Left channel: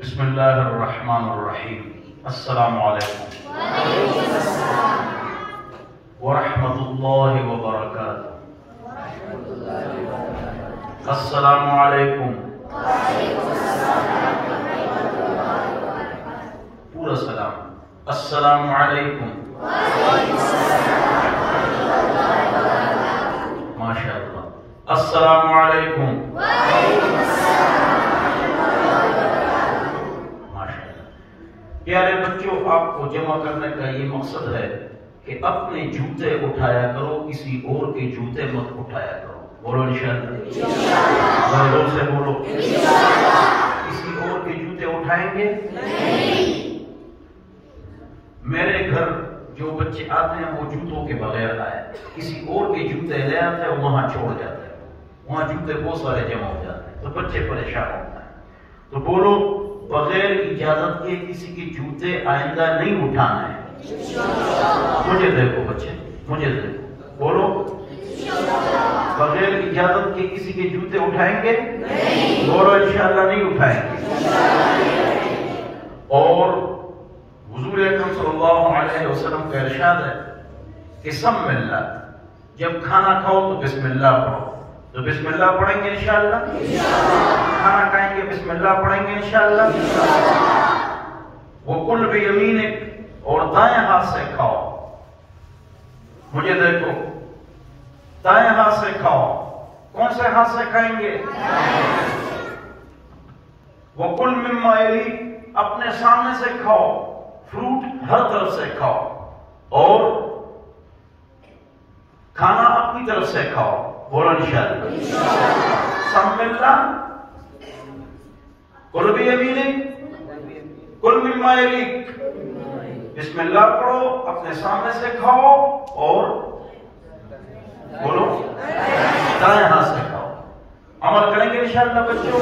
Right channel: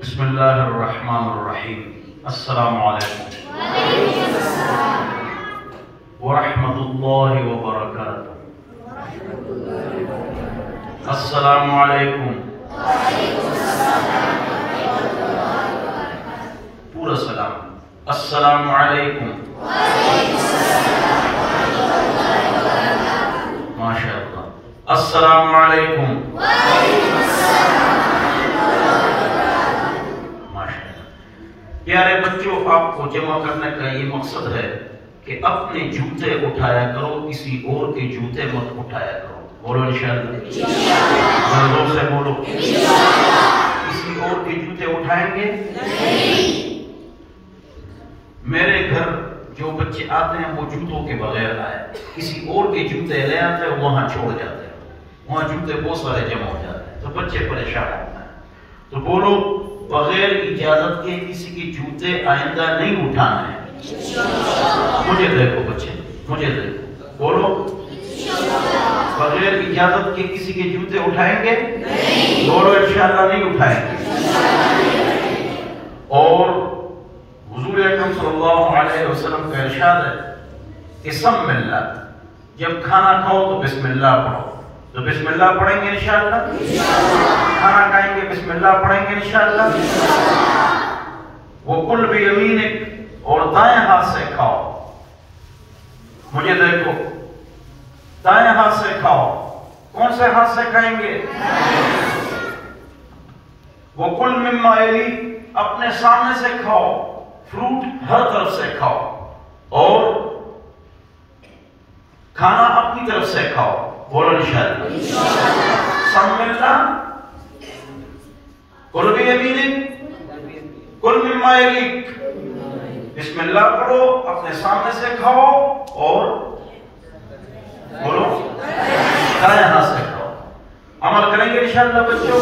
بسم اللہ الرحمن الرحیم. السلام علیکم ورحمۃ اللہ وبرکاتہ. السلام علیکم. پورا سلام. السلام علیکم. ماشاء اللہ. السلام علیکم. پیارے بچوں، آپ کو جمع کرنے کا یہ مقصد ہے کہ اپنے جوتے اٹھایا کرو، کسی اور کے جوتے مت اٹھایا کرو. بولو انشاءاللہ. زور سے بولو. کسی اور کے جوتے اٹھائیں گے نہیں. میرے گھر جو بچے آتے ہیں وہ جوتوں کے بغیر آئے، کسی اور کے جوتے لے آتے ہیں، وہاں چھوڑ جاتے ہیں، وہاں جوتے بہت سارے جمع ہو جاتے ہیں، تو بچے پریشان ہوتے ہیں. تو بولو بغیر اجازت کے کسی کے جوتے آئندہ نہیں اٹھانا ہے. مجھے دیکھو بچے، مجھے دیکھو. بولو بغیر اجازت کے کسی کے جوتے اٹھائیں گے نہیں. بولو انشاءاللہ نہیں اٹھائیں گے. اور حضور اکرم صلی اللہ علیہ وسلم کا ارشاد ہے کہ سم اللہ، جب کھانا کھاؤ تو بسم اللہ پڑھو. تو بسم اللہ پڑھیں گے انشاءاللہ. کھانا کھائیں گے بسم اللہ پڑھیں گے انشاءاللہ. وَقُلْ بِيَمِينِكَ، اور دائیں ہاتھ سے کھاؤ. مجھے دیکھو، دائیں ہاتھ سے کھاؤ. کون سے ہاتھ سے کھائیں گے؟ وَقُلْ مِمَّا يَلِيكَ، اپنے سامنے سے کھاؤ. فروٹ ہر طرف سے کھاؤ، اور کھانا اپنی طرف سے کھاؤ. بولو انشاءاللہ. سم اللہ. قل بیمینک، قل مما یلیک. بسم اللہ پڑھو، اپنے سامنے سے کھاؤ، اور بولو دائیں ہاتھ سے کھاؤ. عمل کریں گے انشاءاللہ بچوں.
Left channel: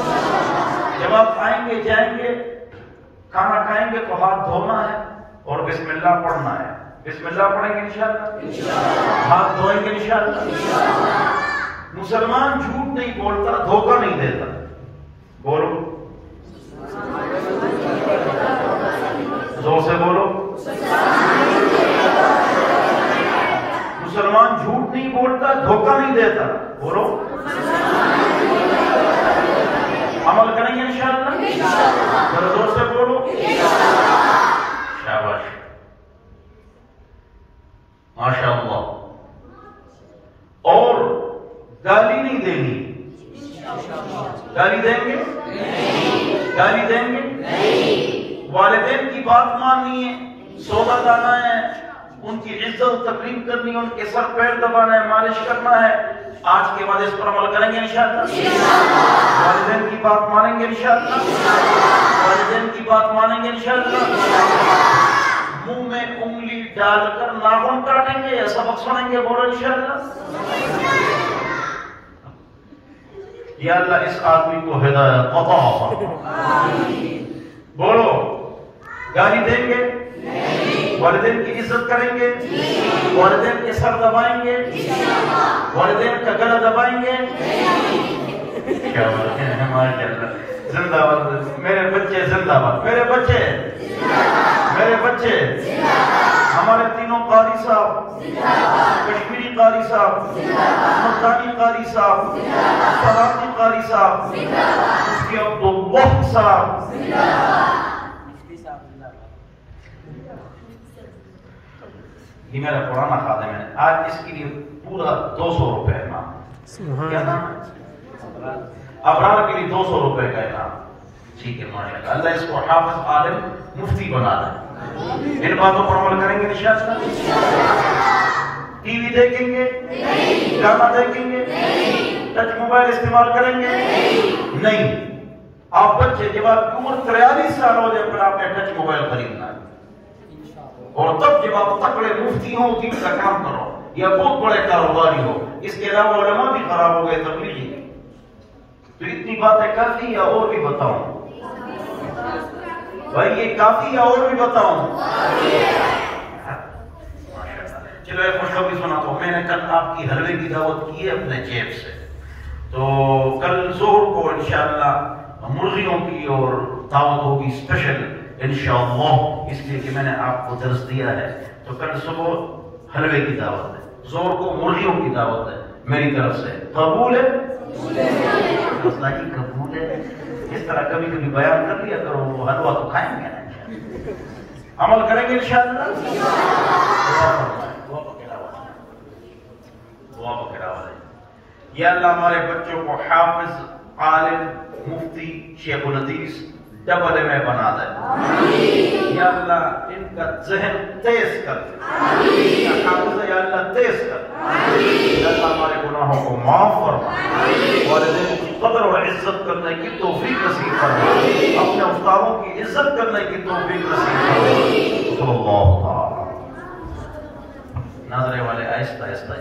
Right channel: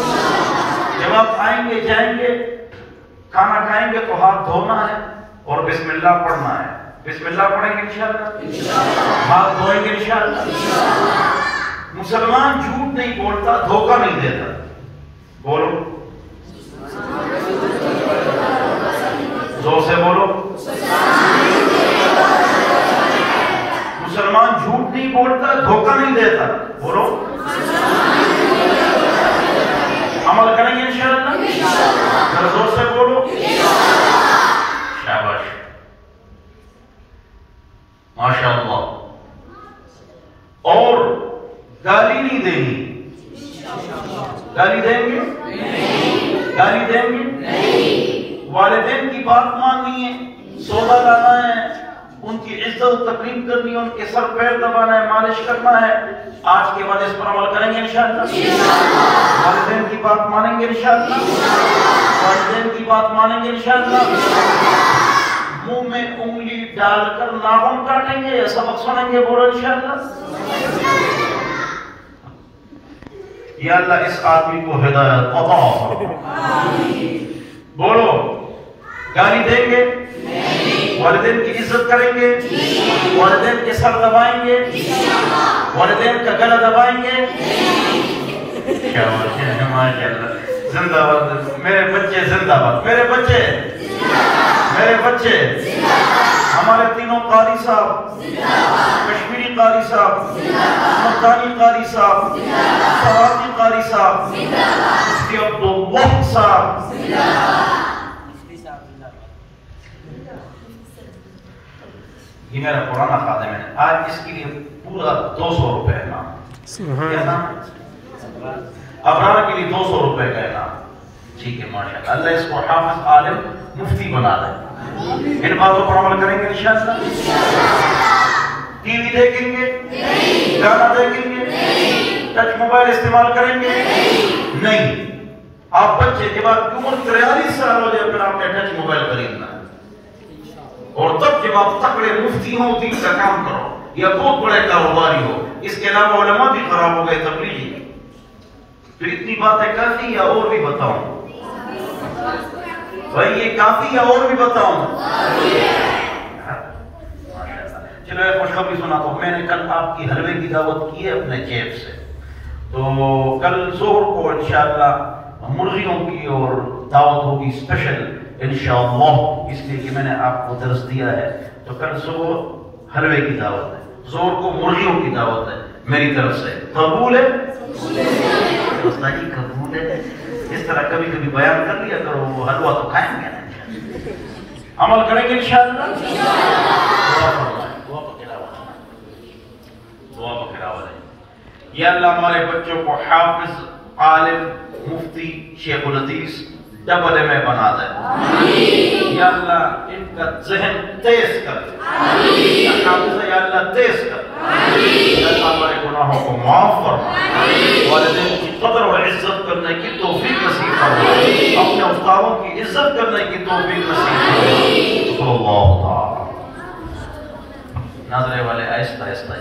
جب آپ آئیں گے جائیں گے کھانا کھائیں گے تو ہاتھ دھونا ہے اور بسم اللہ پڑھنا ہے. بسم اللہ پڑھیں گے انشاءاللہ. ہاتھ دھوئیں گے انشاءاللہ. مسلمان جھوٹ نہیں بولتا، دھوکہ نہیں دیتا. بولو زور سے بولو. مسلمان جھوٹ نہیں بولتا، دھوکہ نہیں دیتا. بولو عمل کریں گے انشاءاللہ. ذرا زور سے بولو. شاباش، ماشاءاللہ. اور گالی نہیں دینی. گالی دیں گے؟ گالی دیں گے نہیں. والدین کی بات ماننی ہے، سودا لانا ہے، ان کی عزت تقریب کرنی ہے، ان کے سر پیر دبانا ہے، مالش کرنا ہے. آج کے بعد اس پر عمل کریں گے انشاءاللہ. والدین کی بات مانیں گے انشاءاللہ. والدین کی بات مانیں گے انشاءاللہ. منہ میں انگلی ڈال کر ناخن کاٹیں گے یا سبق سنیں گے. بولو انشاءاللہ. یا اللہ اس آدمی کو ہدایت عطا فرما. بولو گالی دیں گے نہیں. والدین کی عزت کریں گے. والدین کے سر دبائیں گے. والدین کا گلا دبائیں گے. کیا بات ہے، ماشاءاللہ. زندہ باد میرے بچے، زندہ باد میرے بچے، میرے بچے. ہمارے تینوں قاری صاحب، کشمیری قاری صاحب، ملتانی قاری صاحب، سہارتی قاری صاحب، مفتی عبداللہ صاحب. یہ میرا پرانا خادم ہے. آج اس کے لیے پورا 200 روپے انعام. کیا نام ہے؟ ابرار کے لیے 200 روپے کا انعام. ٹھیک ہے ماشاءاللہ. اللہ اس کو حافظ عالم مفتی بنا دے. ان باتوں پر عمل کریں گے انشاءاللہ. ٹی وی دیکھیں گے؟ گانا دیکھیں گے؟ ٹچ موبائل استعمال کریں گے؟ نہیں. آپ بچے جب آپ کی عمر 43 سال ہو جائے پھر آپ نے ٹچ موبائل خریدنا ہے. اور تب جب آپ تکڑے مفتی ہوں دین کا کام کرو یا بہت بڑے کاروباری ہو. اس کے علاوہ علماء بھی خراب ہو گئے تبلیغی. تو اتنی باتیں کافی یا اور بھی بتاؤں؟ بھائی یہ کافی یا اور بھی بتاؤں؟ چلو ایک خوشخبری سناتا ہوں. میں نے کل آپ کی حلوے کی دعوت کی ہے اپنے جیب سے. تو کل ظہر کو انشاءاللہ مرغیوں کی اور دعوت ہوگی اسپیشل انشاءاللہ، اس لیے کہ میں نے آپ کو درس دیا ہے۔ تو کل صبح حلوے کی دعوت ہے، زور کو مرغیوں کی دعوت ہے میری طرف سے، قبول ہے؟ مسئلہ جی قبول ہے؟ اس طرح کبھی کبھی بیان کر لیا کرو، وہ حلوہ تو کھائیں گے نا، عمل کریں گے انشاءاللہ۔ دعا پکڑا والے یا اللہ ہمارے بچوں کو حافظ، عالم، مفتی، شیخ الحدیث ڈبل میں بنا دے، یا اللہ ان کا ذہن تیز کر دے، حافظ یا اللہ تیز کر دے، یا اللہ ہمارے گناہوں کو معاف فرما، والدین کی قدر و عزت کرنے کی توفیق نصیب فرما، اپنے استادوں کی عزت کرنے کی توفیق نصیب فرما۔ اللہ تعالی ناظرے والے آہستہ آہستہ